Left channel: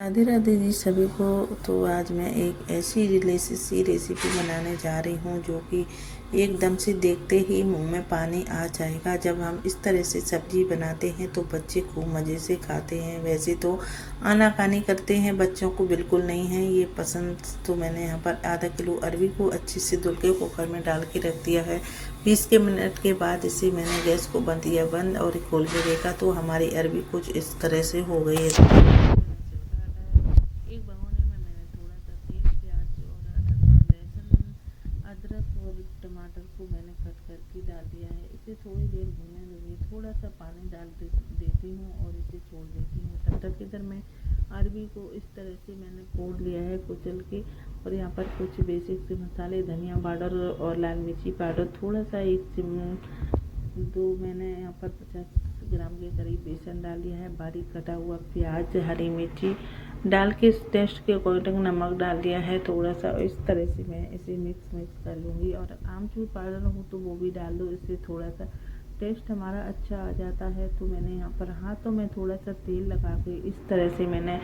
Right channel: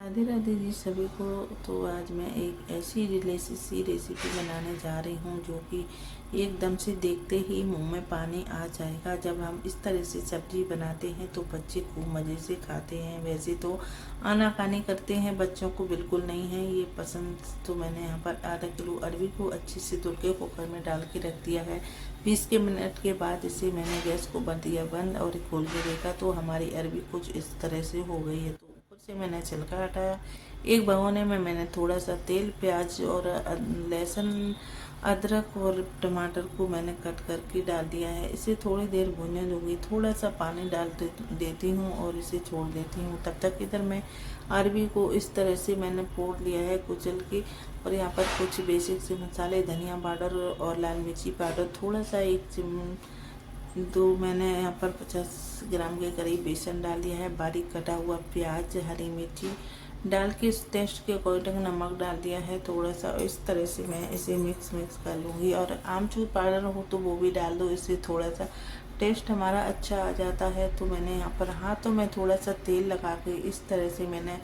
राधे राधे जी सभी को। तो आज मैं एक ऐसी डिलीशियस सी रेसिपी बनाने जा रही हूँ जो कि एकदम से देखते ही मुंह में पानी आ जाएगा। जब हम इस तरह से सब्जी बनाते हैं तो बच्चे खूब मज़े से खाते हैं। वैसे तो आनाकानी करते हैं, बच्चों को बिल्कुल नहीं है ये पसंद। तो मैंने यहाँ पर आधा किलो अरबी को अच्छे से धुल के कुकर में डाल के रख दिया है। 20 के मिनट के बाद इसे मैंने गैस को बंद किया बंद और खोल के देखा तो हमारी अरबी कुछ इस तरह से हो गई है। तो मैंने छिलका हटाया। एक भगोने में मैंने थोड़ा सा तेल, प्याज और लहसुन, अदरक और टमाटर को मैंने कट करके डाल दिया है। इसे थोड़ी देर भूनने दूंगी। थोड़ा सा पानी डाल देती हूँ और इसे छोड़ देती हूँ। तब तक इधर मैं अरबी को इस तरह से मैंने फोड़ लिया है कुचल के। और यहाँ पर कुछ बेसिक से मसाले, धनिया पाउडर और लाल मिर्ची पाउडर थोड़ा सा, एक चम्मच। तो मैंने यहाँ पर 50 ग्राम के करीब बेसन डाल दिया है। बारीक कटा हुआ प्याज, हरी मिर्ची डाल के टेस्ट के अकॉर्डिंग नमक डाल दिया है थोड़ा सा। इस तरह से मैं इसे मिक्स कर लूँगी। और आमचूर पाउडर हो तो वो भी डाल दो, इससे थोड़ा सा टेस्ट हमारा अच्छा आ जाता है। तो मैंने यहाँ पर हाथों में थोड़ा सा तेल लगा के इस तरह से मैंने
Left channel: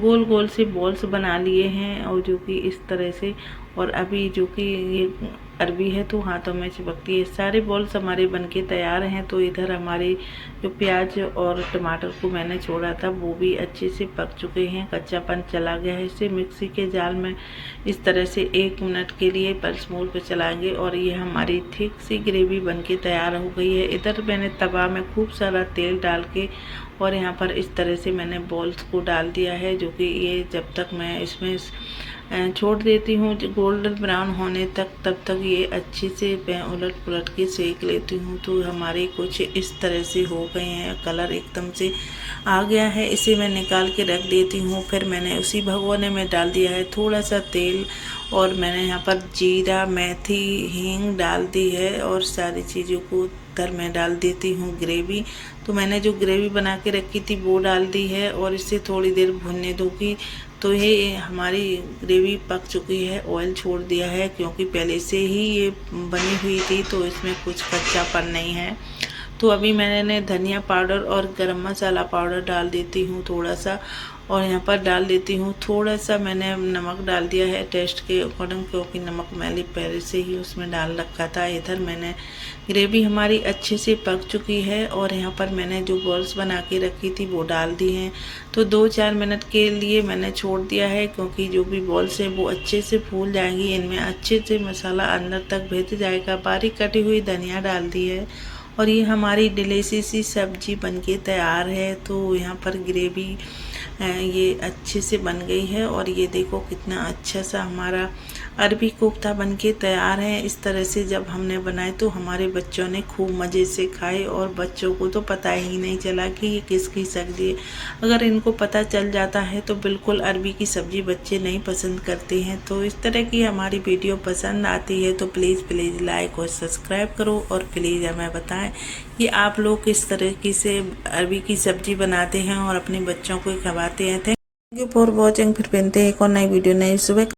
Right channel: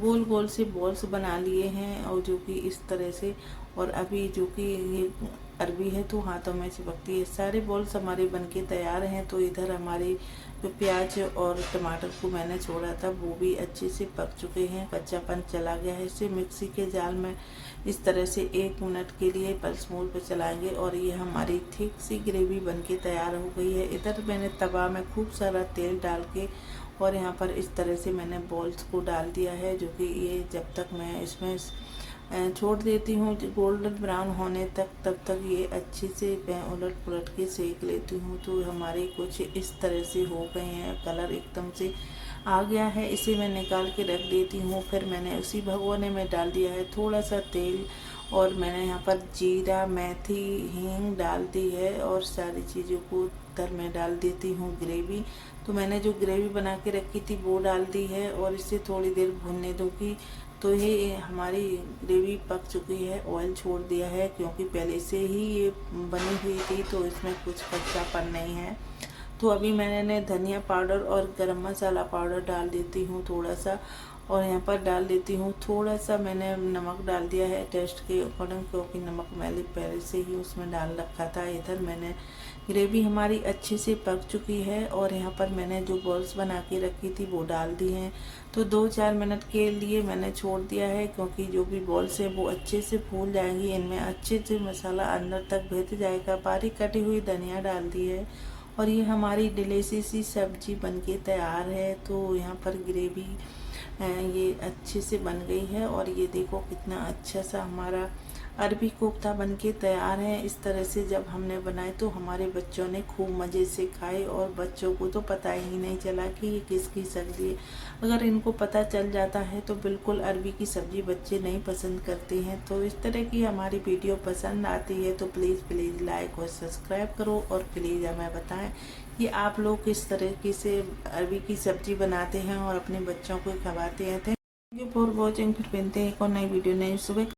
गोल गोल से बॉल्स बना लिए हैं। और जो कि इस तरह से, और अभी जो कि ये अरबी है तो हाथों में चिपकती है। सारे बॉल्स हमारे बनके तैयार हैं। तो इधर हमारे जो प्याज और टमाटर को मैंने छोड़ा था वो भी अच्छे से पक चुके हैं, कच्चापन चला गया है। इसे मिक्सी के जाल में इस तरह से 1 मिनट के लिए पल्स मोड पर चलाएंगे और ये हमारी थिक सी ग्रेवी बनके तैयार हो गई है। इधर मैंने तवा में खूब सारा तेल डाल के और यहाँ पर इस तरह से मैंने बॉल्स को डाल दिया है। जो कि ये जब तक मैं इसमें छोड़ देती हूँ गोल्डन ब्राउन होने तक, तब तक ये अच्छे से मैं उलट पुलट के सेक लेती हूँ। तो हमारे कुछ इस तरह से हो गए हैं, कलर एकदम से आ गया है। इसे मैं निकाल के रख देती हूँ। फिर मैंने उसी भगोने में डाल दिया है थोड़ा सा तेल और मैंने यहाँ पर जीरा, मेथी, हींग डाल दी है और सारी चीज़ों को इधर मैं डाल देती हूँ ग्रेवी। तो मैंने जो ग्रेवी बना के रखी थी वो डाल दी है और इसे थोड़ी देर भुनने दूँगी। तो ये हमारी ग्रेवी पक चुकी है, ऑयल छोड़ दिया है क्योंकि पहले से ही ये बनी हुई थी तो इसमें कुछ कच्चापन नहीं है। तो अभी मैंने धनिया पाउडर और गरम मसाला पाउडर डाल देती हूँ थोड़ा सा। और यहाँ पर डाल देती हूँ थोड़ा सा, मैंने नमक डाल दिया है टेस्ट के अकॉर्डिंग क्योंकि नमक मैंने पहले से ही उसमें डाल रखा था। इधर मैंने ग्रेवी हमारी अच्छे से पक चुकी है और यहाँ पर मैंने जो बॉल्स बना के रखी थी वो डाल दी हैं। तो 2-4 मिनट के लिए मैंने छोड़ दिया है क्योंकि जो भी बॉल्स हैं वो अच्छे से फूल जाएंगी, इनमें अच्छे से मसाला अंदर तक भीग जाएगा। बारीक कटी हुई धनिया डाल दी है और ये हमारी डिलीशियस सी सब्जी बनके तैयार है। तो यहाँ पर ग्रेवी ये अच्छे से बन गई है और ये देखो कितना अच्छा सा हमारा अरबी कोफ्ता बनके तैयार है। इस तरह से जब हमने बनाए तो हमारे बच्चों ने खूब मज़े से खाए और बच्चों को तो पता ही नहीं चला कि ये किसकी सब्जी है। अगर इनको पता चल जाता है तो बिल्कुल अरबी की सब्ज़ी बच्चे नहीं पसंद करते हैं। तो इस तरह की हमारी वीडियो पसंद आती है तो प्लीज़ लाइक और सब्सक्राइब करो और प्लीज़ हमें बताएं कि आप लोग किस तरीके से अरबी की सब्ज़ी बनाते हैं और अपने बच्चों को खवाते हैं। Thank you for watching. फिर मिलते हैं एक और नई वीडियो नई सुबह।